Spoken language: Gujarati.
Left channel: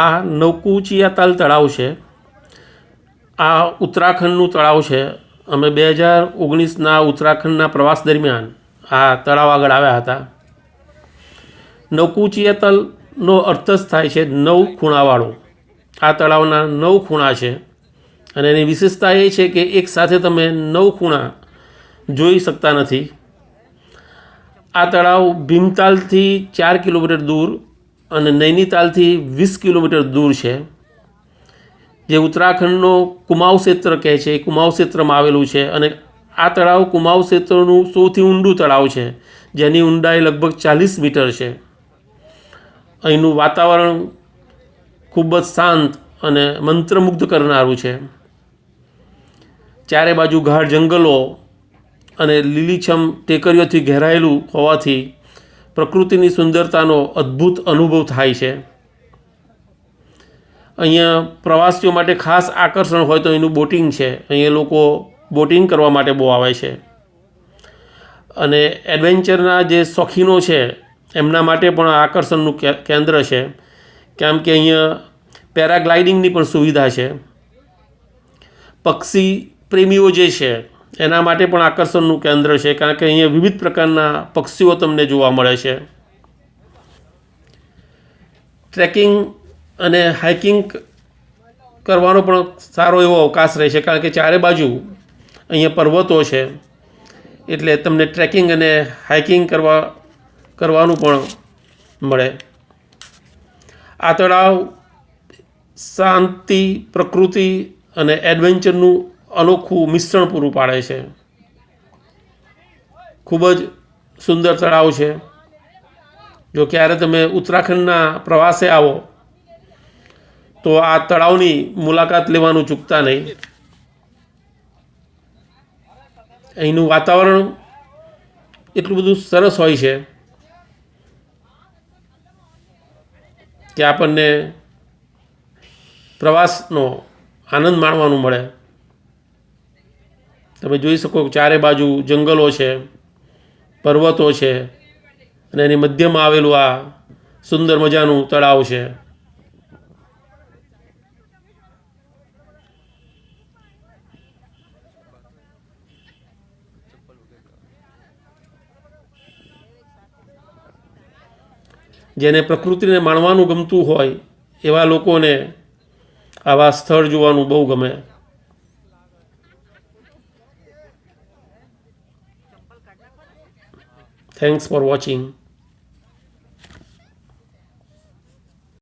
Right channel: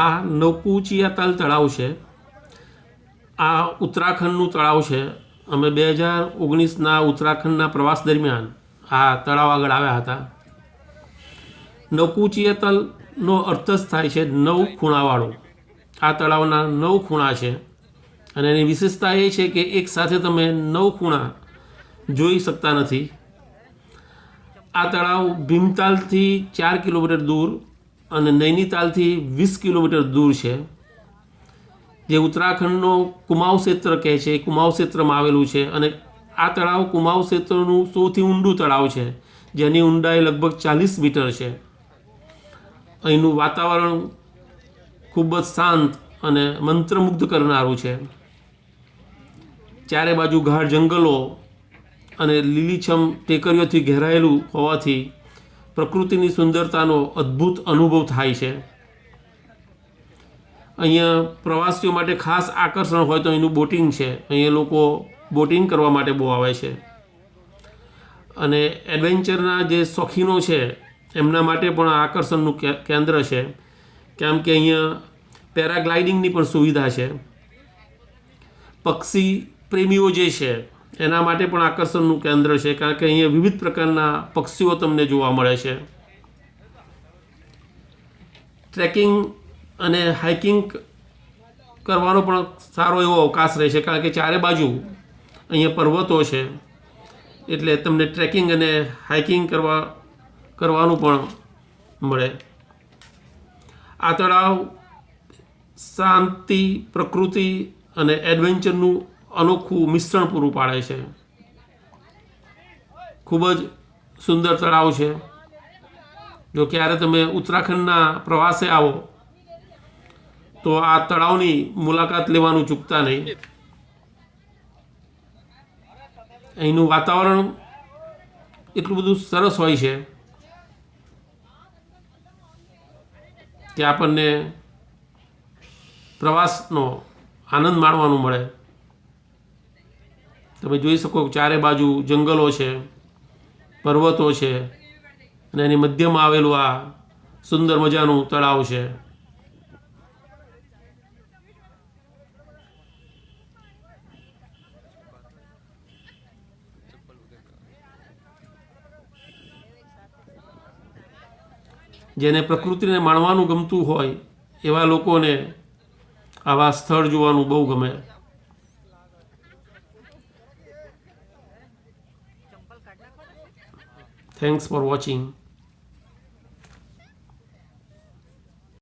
આ નવકુચિયાતાલ તળાવ છે. આ ઉત્તરાખંડનું તળાવ છે. અમે 2019ના ઉત્તરાખંડના પ્રવાસ દરમિયાન આ તળાવ આગળ આવ્યા હતા. નવકુચિયાતાલનો અર્થ જ થાય છે 9 ખૂણાવાળો. આ તળાવના 9 ખૂણા છે અને એની વિશેષતા એ છે કે એક સાથે તમે 9 ખૂણા જોઈ શકતા નથી. આ તળાવ ભીમતાલથી 4 કિલોમીટર દૂર અને નૈનીતાલથી 20 કિલોમીટર દૂર છે. જે ઉત્તરાખંડનો કુમાઉં ક્ષેત્ર કહે છે, એ કુમાઉં ક્ષેત્રમાં આવેલું છે. અને આ તળાવ કુમાઉં ક્ષેત્રનું સૌથી ઊંડું તળાવ છે, જેની ઊંડાઈ લગભગ 40 મીટર છે. અહીંનું વાતાવરણ ખૂબ જ શાંત અને મંત્રમુગ્ધ કરનારું છે. ચારે બાજુ ગાઢ જંગલો અને લીલીછમ ટેકરીઓથી ઘેરાયેલું હોવાથી પ્રકૃતિની સુંદરતાનો અદ્ભુત અનુભવ થાય છે. અહીંયા પ્રવાસીઓ માટે ખાસ આકર્ષણ હોય તો એનું બોટિંગ છે. અહીંયા લોકો બોટિંગ કરવા માટે બહુ આવે છે. અને એડવેન્ચરના જે શોખીનો છે એમના માટે પણ આકર્ષણનું કેન્દ્ર છે, કેમ કે અહીંયા પેરાગ્લાઇડિંગની પણ સુવિધા છે. પક્ષી પ્રેમીઓ જે છે એના માટે પણ આકર્ષણનું કેન્દ્ર છે, કારણ કે અહીંયા વિવિધ પ્રકારના પક્ષીઓ તમને જોવા મળે છે. ટ્રેકિંગ અને હાઇકિંગ કરવાનો પણ સારો એવો અવકાશ રહે છે, કારણ કે ચારે બાજુ અહીંયા પર્વતો છે, એટલે તમને ટ્રેકિંગ અને હાઇકિંગ કરવાનું પણ મળે. આ તળાવ શાંતિ, પ્રકૃતિ અને એડવેન્ચરનું અનોખું મિશ્રણ પૂરું પાડે છે. ખૂબ જ સુંદર તળાવ છે. જો ક્યારે તમે ઉત્તરાખંડના પ્રવાસે આવો તો આ તળાવની મુલાકાત લેવાનું ચૂકતા નહીં. અહીંનું વાતાવરણ એટલું બધું સરસ હોય છે કે આપણને પ્રવાસનો આનંદ માણવાનું મળે. તમે જોઈ શકો ચારે બાજુ જંગલો છે, પર્વતો છે અને એની મધ્યમાં આવેલું આ સુંદર મજાનું તળાવ છે. જેને પ્રકૃતિને માણવાનું ગમતું હોય એવા લોકોને આવા સ્થળ જોવાનું બહુ ગમે. Thanks for watching.